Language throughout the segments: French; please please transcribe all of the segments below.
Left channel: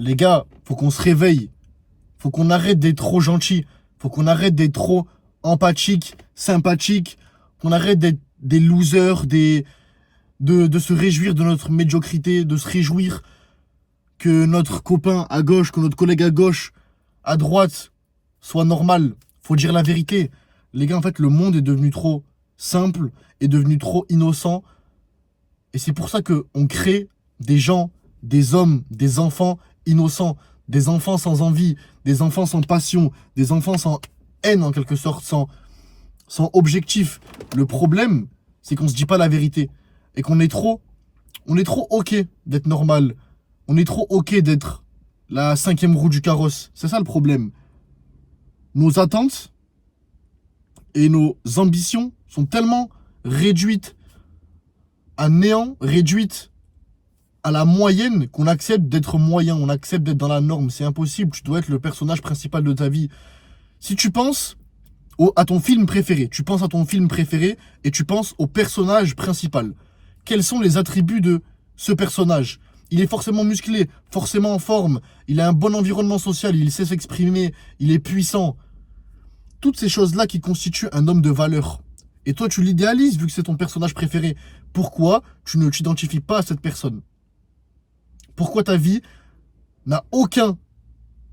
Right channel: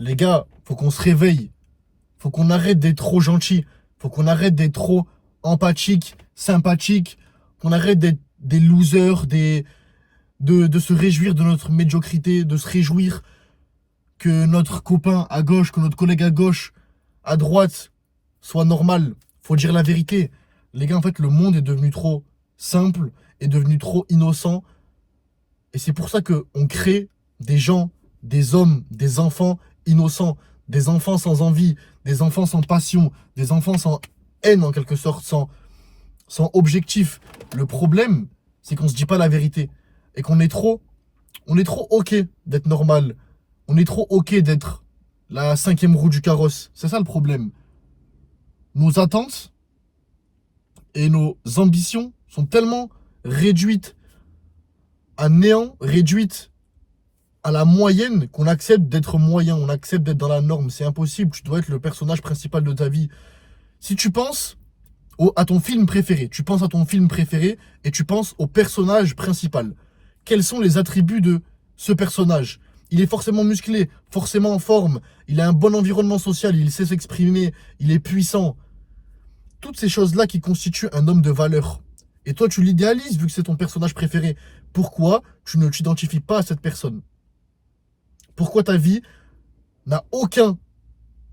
Les gars, faut qu'on se réveille. Faut qu'on arrête d'être trop gentil. Faut qu'on arrête d'être trop empathique, sympathique. Qu'on arrête d'être des losers, de se réjouir de notre médiocrité, de se réjouir que notre copain à gauche, que notre collègue à gauche, à droite, soit normal. Faut dire la vérité. Les gars, en fait, le monde est devenu trop simple, est devenu trop innocent. Et c'est pour ça qu'on crée des gens, des hommes, des enfants innocents, des enfants sans envie, des enfants sans passion, des enfants sans haine en quelque sorte, sans objectif. Le problème, c'est qu'on se dit pas la vérité. Et on est trop ok d'être normal. On est trop ok d'être la cinquième roue du carrosse. C'est ça le problème. Nos attentes et nos ambitions sont tellement réduites à néant, réduites à la moyenne, qu'on accepte d'être moyen, on accepte d'être dans la norme. C'est impossible, tu dois être le personnage principal de ta vie. Si tu penses à ton film préféré, tu penses à ton film préféré et tu penses au personnage principal. Quels sont les attributs de ce personnage? Il est forcément musclé, forcément en forme, il a un bon environnement social, il sait s'exprimer, il est puissant. Toutes ces choses-là qui constituent un homme de valeur. Et toi, tu l'idéalises vu que c'est ton personnage préféré. Pourquoi tu ne t'identifies pas à cette personne? Pourquoi ta vie n'a aucun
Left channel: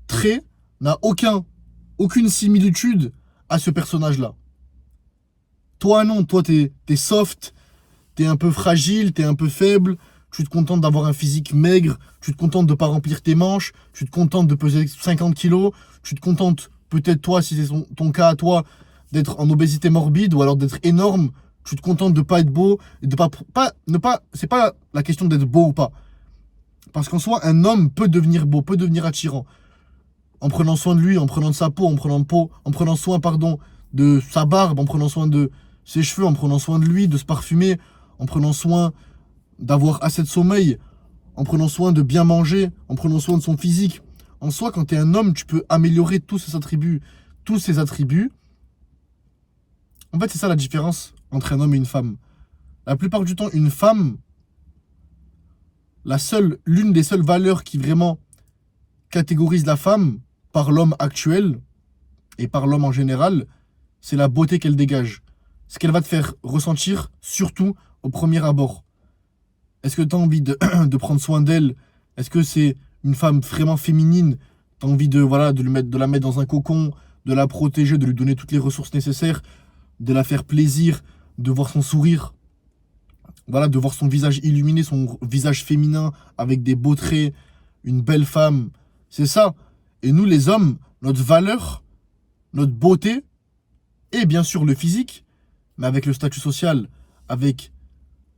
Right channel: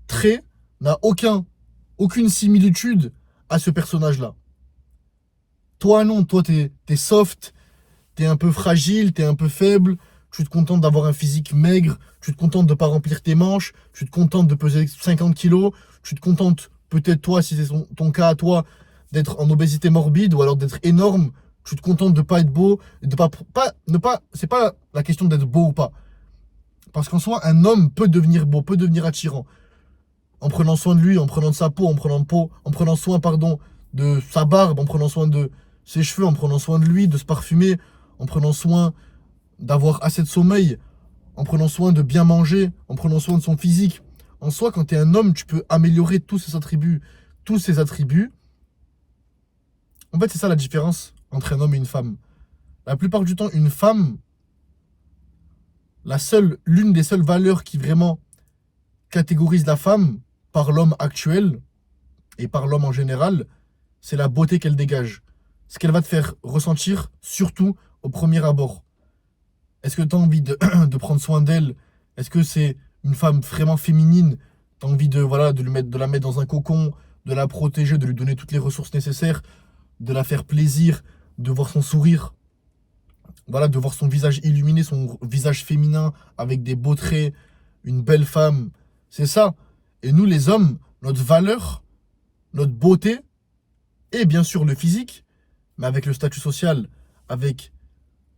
trait, n'a aucune similitude à ce personnage-là? Toi, non, toi, t'es soft, t'es un peu fragile, t'es un peu faible, tu te contentes d'avoir un physique maigre, tu te contentes de ne pas remplir tes manches, tu te contentes de peser 50 kilos, tu te contentes, peut-être toi, si c'est ton cas à toi, d'être en obésité morbide ou alors d'être énorme, tu te contentes de pas être beau, de c'est pas la question d'être beau ou pas. Parce qu'en soi, un homme peut devenir beau, peut devenir attirant. En prenant soin de lui, en prenant de sa peau, en prenant soin, pardon, de sa barbe, en prenant soin de ses cheveux, en prenant soin de lui, de se parfumer, en prenant soin d'avoir assez de sommeil, en prenant soin de bien manger, en prenant soin de son physique. En soi, quand tu es un homme, tu peux améliorer tous ces attributs. Tous ces attributs. En fait, c'est ça la différence entre un homme et une femme. La plupart du temps, une femme, l'une des seules valeurs qui vraiment catégorise la femme par l'homme actuel et par l'homme en général, c'est la beauté qu'elle dégage. Ce qu'elle va te faire ressentir, surtout au premier abord. Est-ce que tu as envie de prendre soin d'elle? Est-ce que c'est une femme vraiment féminine? Tu as envie voilà, de la mettre dans un cocon, de la protéger, de lui donner toutes les ressources nécessaires, de la faire plaisir, de voir son sourire, voilà, de voir son visage illuminé, son visage féminin avec des beaux traits, une belle femme. C'est ça. Et nous, les hommes, notre valeur, notre beauté, et bien sûr le physique, mais avec le statut social, avec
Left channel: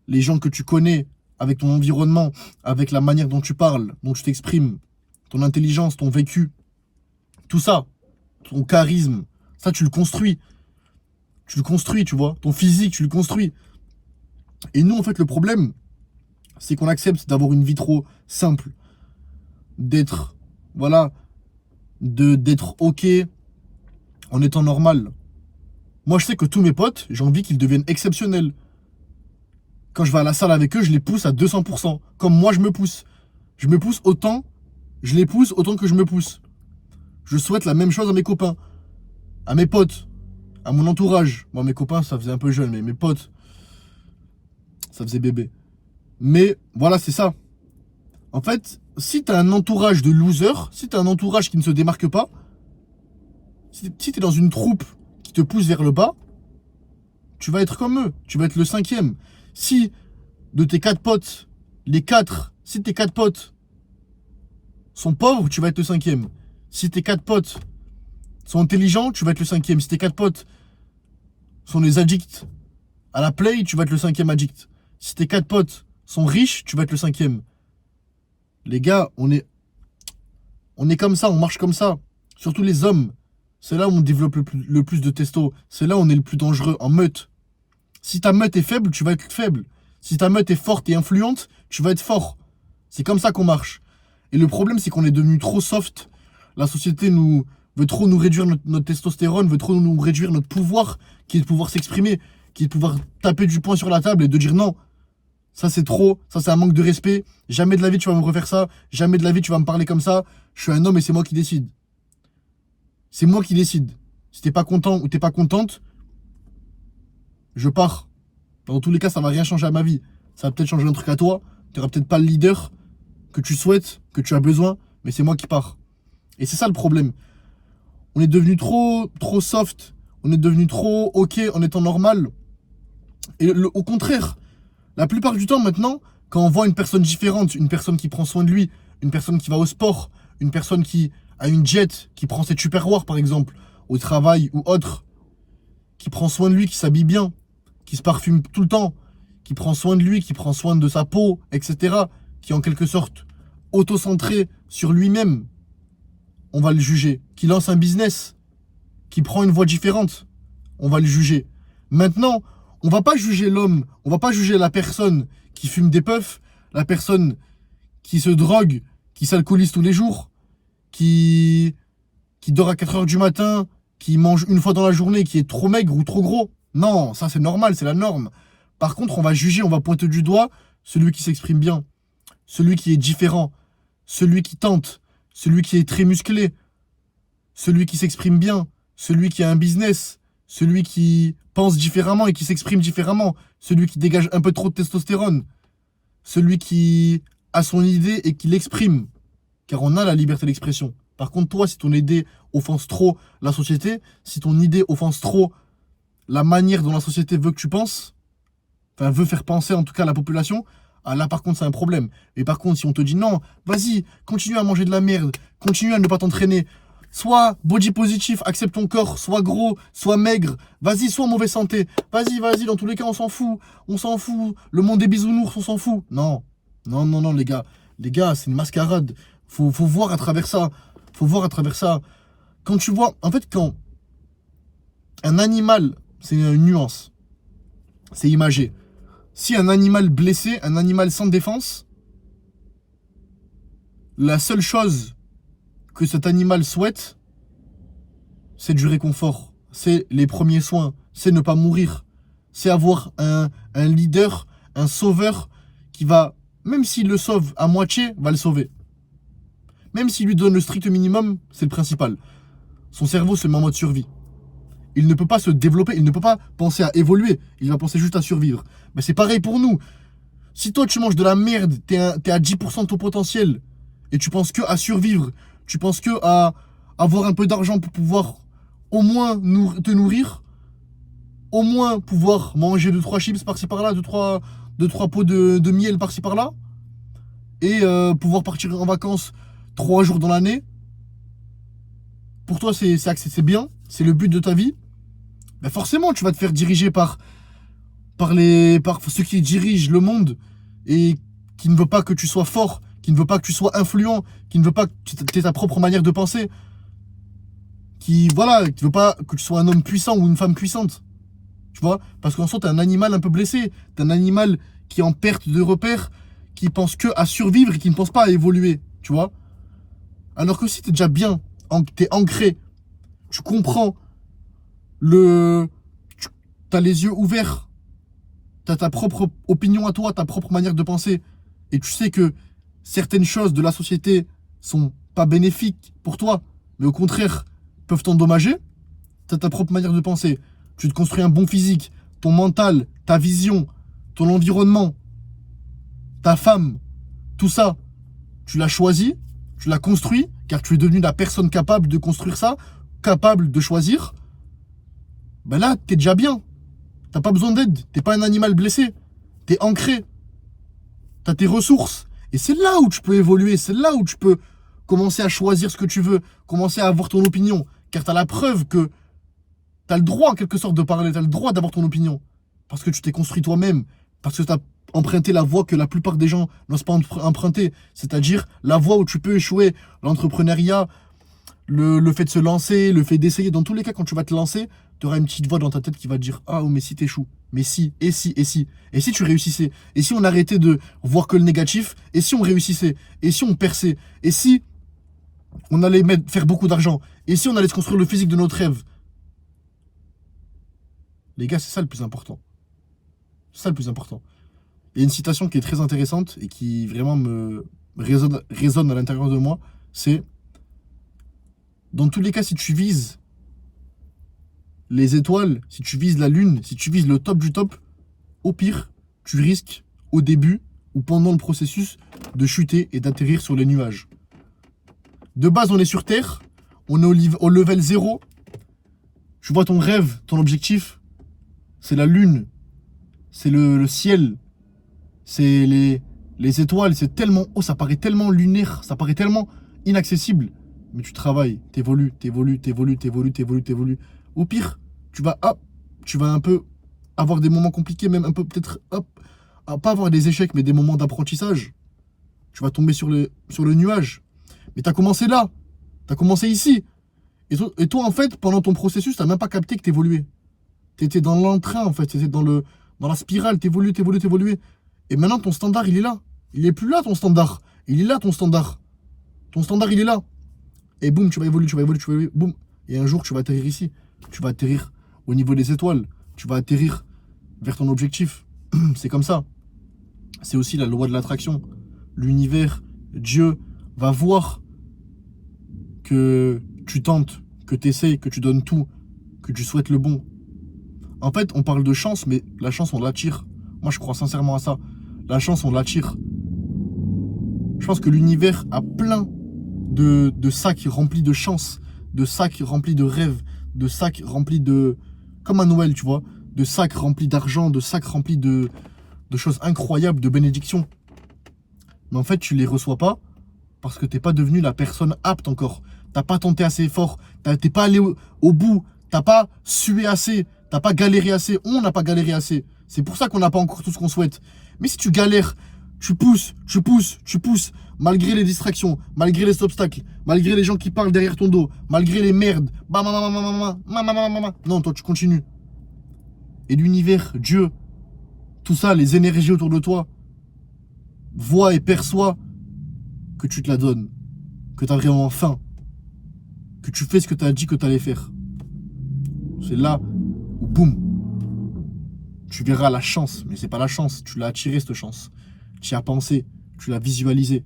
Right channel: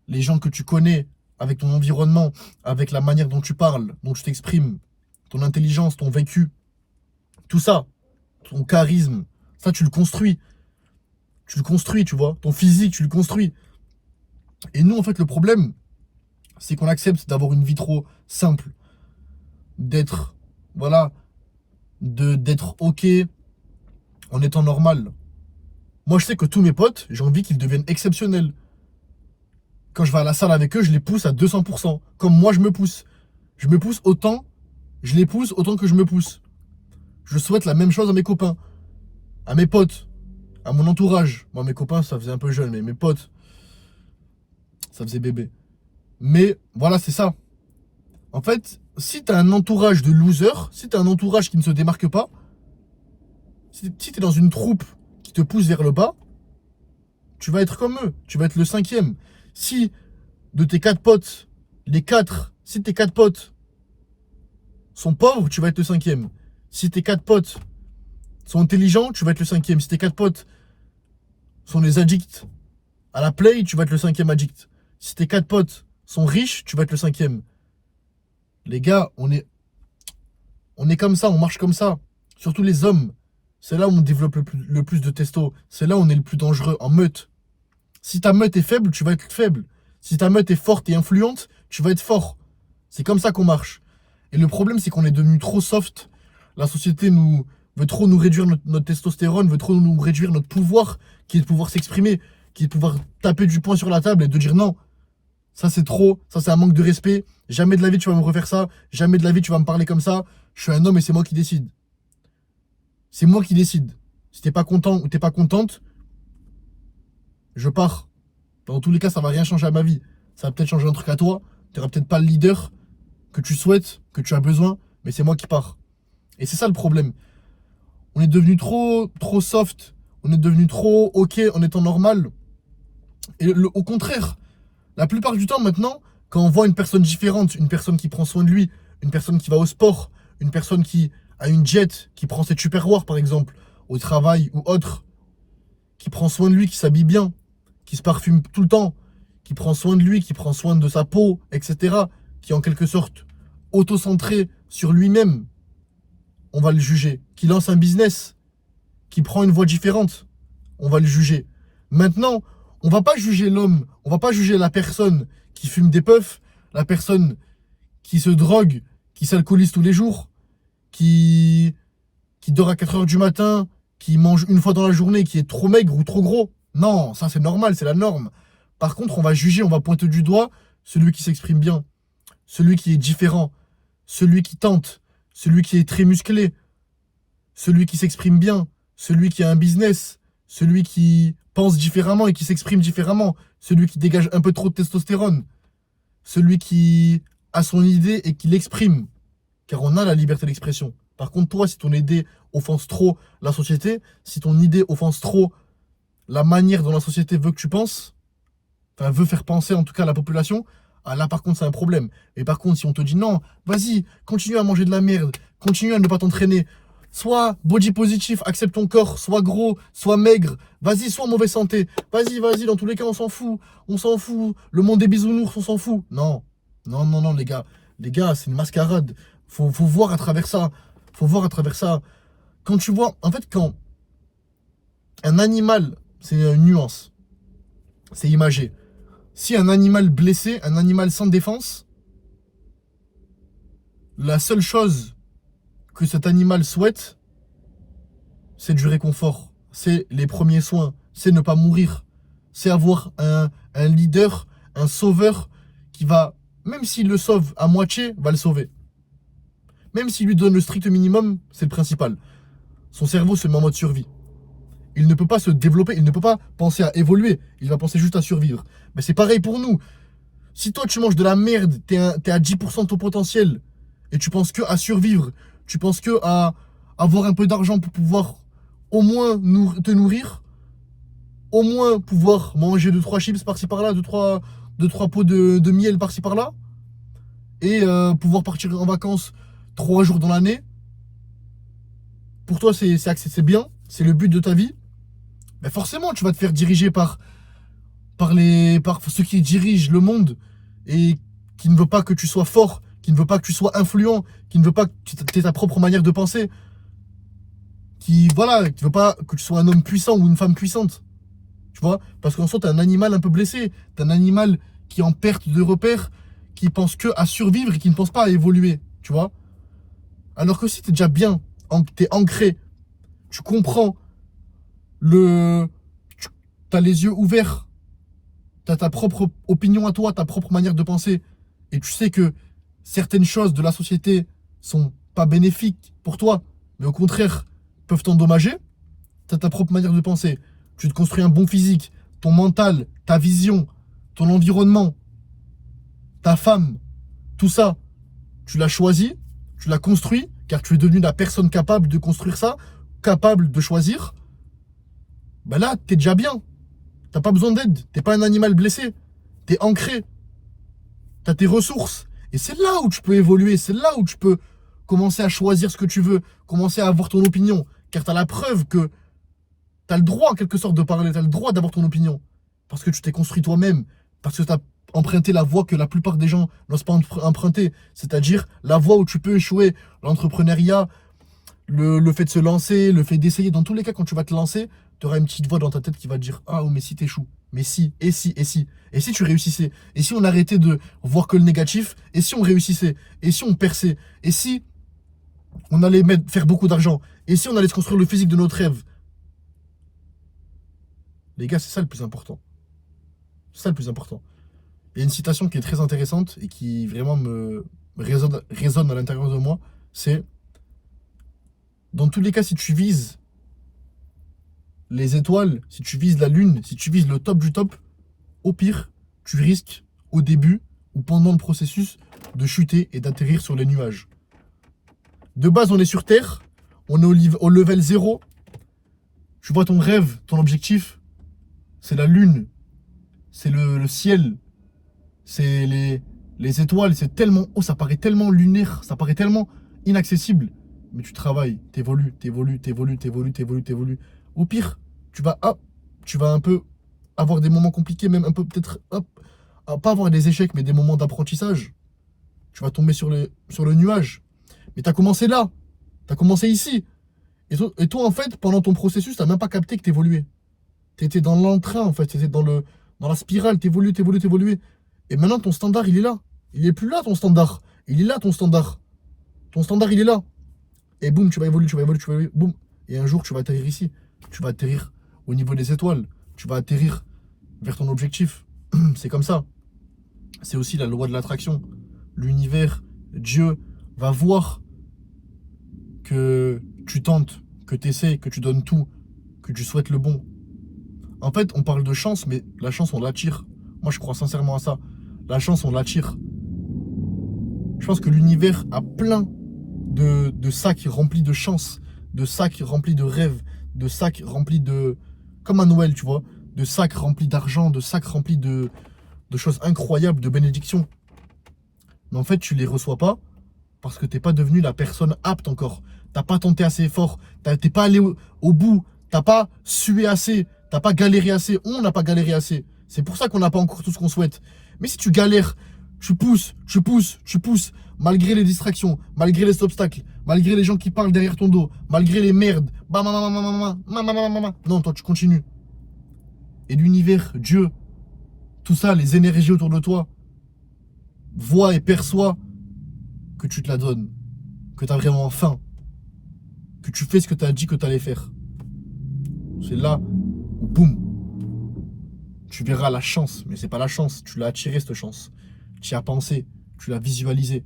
les gens que tu connais, avec ton environnement, avec la manière dont tu parles, dont tu t'exprimes, ton intelligence, ton vécu, tout ça, ton charisme, ça tu le construis. Tu le construis, tu vois. Ton physique, tu le construis. Et nous, en fait, le problème, c'est qu'on accepte d'avoir une vie trop simple. D'être, voilà, d'être OK en étant normal. Moi, je sais que tous mes potes, j'ai envie qu'ils deviennent exceptionnels. Quand je vais à la salle avec eux, je les pousse à 200%. Comme moi, je me pousse. Je me pousse autant, je les pousse autant que je me pousse. Je souhaite la même chose à mes copains, à mes potes, à mon entourage. Moi, mes copains, ça faisait un peu jeune, mais mes potes, ça faisait bébé. Mais voilà, c'est ça. En fait, si t'as un entourage de losers, si t'as un entourage qui ne se démarque pas, si t'es dans une troupe qui te pousse vers le bas, tu vas être comme eux. Tu vas être le cinquième. Si de tes 4 potes, si tes 4 potes sont pauvres, tu vas être le cinquième. Si tes 4 potes sont intelligents, tu vas être le cinquième. Si tes 4 potes sont des addicts à la play, tu vas être le cinquième addict. Si tes 4 potes sont riches, tu vas être le cinquième. Les gars, on est comme ça, on marche comme ça. Surtout les hommes. C'est là où on développe le plus de testo. C'est là où on est le plus dangereux, en meute. Si ta meute est faible, tu vas être faible. Si ta meute est forte et influente, tu vas être fort. C'est comme ça qu'on marche. Et le problème, c'est qu'on est devenu trop soft. La société veut trop nous réduire notre testostérone, veut trop nous réduire notre pouvoir, qui est de pouvoir s'exprimer, qui est de pouvoir taper du poing sur la table et de dire non. Ça, c'est trop. Ça, c'est un manque de respect. Jamais de la vie, tu vas me refaire ça. Jamais de la vie, tu vas me parler comme ça. Je suis un homme et c'est moi qui décide. C'est moi qui décide. Si t'es pas content ou t'es pas contente, je pars. Dans tous les cas, ça va rien changer à ma vie. Ça va peut-être changer un truc à toi. Tu n'auras peut-être pas le leader que tu souhaites, que tu as besoin, mais c'est moi qui pars. Et c'est ça le problème. On est devenu trop soft. On est devenu trop OK en étant normal. Et au contraire, la plupart du temps maintenant, quand on voit une personne différente, une personne qui prend soin de lui, une personne qui va au sport, une personne qui a une jet, qui prend ses tupperwares par exemple, au travail ou autre, qui prend soin de lui, qui s'habille bien, qui se parfume tout le temps, qui prend soin de lui, qui prend soin de sa peau, etc., qui est en quelque sorte auto-centré sur lui-même, on va le juger. Qui lance un business, qui prend une voie différente, on va le juger. Maintenant, on va pas juger l'homme, on va pas juger la personne qui fume des puffs, la personne qui se drogue, qui s'alcoolise tous les jours, qui dort à 4 heures du matin, qui mange une fois dans la journée, qui est trop maigre ou trop gros. Non, ça c'est normal, c'est la norme. Par contre, on va juger, on va pointer du doigt celui qui s'exprime bien, celui qui est différent, celui qui tente, celui qui est très musclé, celui qui s'exprime bien, celui qui a un business, celui qui pense différemment et qui s'exprime différemment, celui qui dégage un peu trop de testostérone, celui qui a son idée et qui l'exprime, car on a la liberté d'expression. Par contre, toi, si ton idée offense trop la société, si ton idée offense trop la manière dont la société veut que tu penses, enfin veut faire penser en tout cas à la population, ah là par contre c'est un problème. Et par contre si on te dit non, vas-y, continue à manger de la merde, continue à ne pas t'entraîner, sois body positif, accepte ton corps, sois gros, sois maigre, vas-y, sois en mauvaise santé, vas-y, dans tous les cas on s'en fout, le monde des bisounours on s'en fout. Non, non les gars, c'est une mascarade, faut voir à travers ça, Quand tu vois, en fait quand un animal, c'est une nuance, c'est imagé. Si un animal blessé, un animal sans défense, la seule chose que cet animal souhaite, c'est du réconfort, c'est les premiers soins, c'est ne pas mourir, c'est avoir un leader, un sauveur qui va, même s'il le sauve à moitié, va le sauver. Même s'il lui donne le strict minimum, c'est le principal. Son cerveau se met en mode survie. Il ne peut pas se développer, il ne peut pas penser à évoluer, il va penser juste à survivre. Mais c'est pareil pour nous. Si toi tu manges de la merde, t'es à 10% de ton potentiel, et tu penses que à survivre, tu penses que à avoir un peu d'argent pour pouvoir au moins te nourrir, au moins pouvoir manger 2-3 chips par-ci par-là, 2-3 pots de miel par-ci par-là, et pouvoir partir en vacances 3 jours dans l'année, pour toi c'est bien, c'est le but de ta vie, ben forcément tu vas te faire diriger par ceux qui dirigent le monde et qui ne veut pas que tu sois fort, qui ne veut pas que tu sois influent, qui ne veut pas que tu aies ta propre manière de penser, qui ne veut pas que tu sois un homme puissant ou une femme puissante. Tu vois? Parce qu'en soi, t'es un animal un peu blessé, t'es un animal qui est en perte de repères, qui pense que à survivre et qui ne pense pas à évoluer, tu vois? Alors que si t'es déjà bien, t'es ancré, tu comprends t'as les yeux ouverts, t'as ta propre opinion à toi, ta propre manière de penser, et tu sais que certaines choses de la société sont pas bénéfiques pour toi, mais au contraire peuvent t'endommager, t'as ta propre manière de penser, tu te construis un bon physique, ton mental, ta vision, ton environnement, ta femme, tout ça, tu l'as choisi, tu l'as construit, car tu es devenu la personne capable de construire ça, capable de choisir, ben là, t'es déjà bien. T'as pas besoin d'aide, t'es pas un animal blessé, t'es ancré, t'as tes ressources. Et c'est là où tu peux évoluer, c'est là où tu peux commencer à choisir ce que tu veux, commencer à avoir ton opinion, car t'as la preuve que t'as le droit en quelque sorte de parler, t'as le droit d'avoir ton opinion, parce que tu t'es construit toi-même, parce que t'as emprunté la voie que la plupart des gens n'osent pas emprunter, c'est-à-dire la voie où tu peux échouer, l'entrepreneuriat, le fait de se lancer, le fait d'essayer. Dans tous les cas, quand tu vas te lancer, tu auras une petite voix dans ta tête qui va te dire ah, oh, mais si t'échoues, mais si, et si, et si, et si tu réussissais, et si on arrêtait de voir que le négatif, et si on réussissait, et si on perçait, et si on allait faire beaucoup d'argent, et si on allait se construire le physique de notre rêve. Les gars, c'est ça le plus important. C'est ça le plus important. Il y a une citation qui est très intéressante et qui vraiment me résonne à l'intérieur de moi. C'est, dans tous les cas, si tu vises les étoiles, si tu vises la lune, si tu vises le top du top, au pire, tu risques au début ou pendant le processus de chuter et d'atterrir sur les nuages. De base, on est sur Terre, on est au level 0. Tu vois ton rêve, ton objectif, c'est la lune, c'est le ciel, c'est les étoiles, c'est tellement haut, ça paraît tellement lunaire, ça paraît tellement inaccessible. Mais tu travailles, t'évolues. Au pire, tu vas un peu avoir des moments compliqués, même un peu peut-être, pas avoir des échecs, mais des moments d'apprentissage. Tu vas tomber sur le nuage. Mais tu as commencé là, tu as commencé ici. Et toi, en fait, pendant ton processus, tu n'as même pas capté que tu évoluais. Tu étais dans l'entrain, en fait, tu étais dans la spirale, tu évoluais. Et maintenant, ton standard, il est là. Il n'est plus là, ton standard. Il est là, ton standard. Ton standard, il est là. Et boum, tu vas évoluer, boum. Et un jour, tu vas atterrir ici. Tu vas atterrir au niveau des étoiles. Tu vas atterrir vers ton objectif. C'est comme ça. C'est aussi la loi de l'attraction. L'univers, Dieu, va voir que tu tentes, que tu essaies, que tu donnes tout, que tu souhaites le bon. En fait, on parle de chance, mais la chance, on l'attire. Moi, je crois sincèrement à ça. La chance, on l'attire. Je pense que l'univers a plein de sacs remplis de chance, de sacs remplis de rêves, de sacs remplis de... Comme à Noël, tu vois. De sacs remplis d'argent, de sacs remplis de choses incroyables, de bénédictions. Mais en fait, tu les reçois pas parce que t'es pas devenu la personne apte encore. T'as pas tenté assez fort, t'es pas allé au bout, t'as pas sué assez, t'as pas galéré assez, on n'a pas galéré assez. C'est pour ça qu'on n'a pas encore tout ce qu'on souhaite. Mais si tu galères, tu pousses, malgré les distractions, malgré les obstacles, malgré les gens qui parlent derrière ton dos, malgré les merdes, non, toi tu continues. Et l'univers, Dieu, tout ça, les énergies autour de toi, voient et perçoivent que tu te la donnes, que tu as vraiment faim, que tu fais ce que tu as dit que tu allais faire. C'est là où, boum, tu verras la chance. Mais c'est pas la chance, tu l'as attiré cette chance. Tu y as pensé, tu l'as visualisé.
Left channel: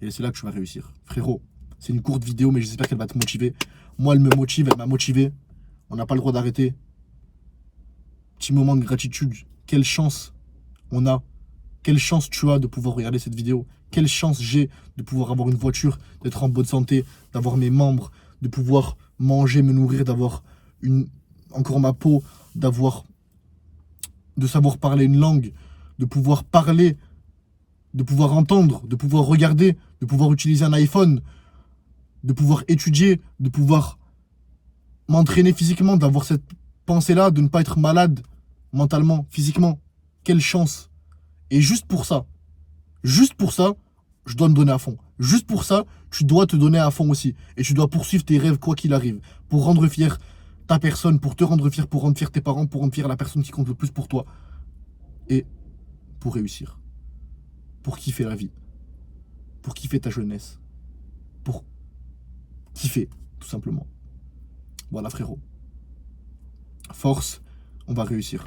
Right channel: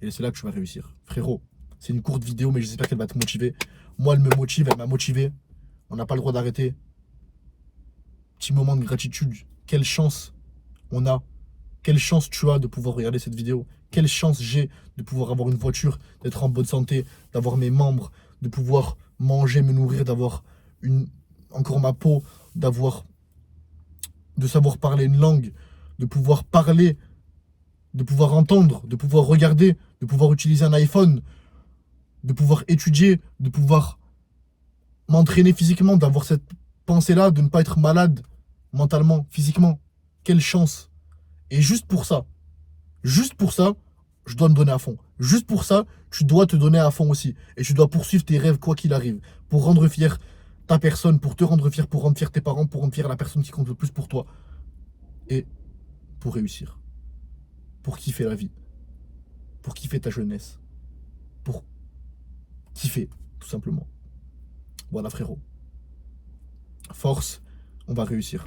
Et c'est là que tu vas réussir. Frérot, c'est une courte vidéo, mais j'espère qu'elle va te motiver. Moi, elle me motive, elle m'a motivé. On n'a pas le droit d'arrêter. Petit moment de gratitude. Quelle chance on a. Quelle chance tu as de pouvoir regarder cette vidéo. Quelle chance j'ai de pouvoir avoir une voiture, d'être en bonne santé, d'avoir mes membres, de pouvoir manger, me nourrir, d'avoir encore ma peau, de savoir parler une langue, de pouvoir parler, de pouvoir entendre, de pouvoir regarder, de pouvoir utiliser un iPhone, de pouvoir étudier, de pouvoir m'entraîner physiquement, d'avoir cette pensée-là, de ne pas être malade mentalement, physiquement. Quelle chance. Et juste pour ça, je dois me donner à fond. Juste pour ça, tu dois te donner à fond aussi. Et tu dois poursuivre tes rêves quoi qu'il arrive. Pour rendre fier ta personne, pour te rendre fier, pour rendre fier tes parents, pour rendre fier la personne qui compte le plus pour toi. Et pour réussir. Pour kiffer la vie. Pour kiffer ta jeunesse. Pour kiffer, tout simplement. Voilà frérot. Force, on va réussir.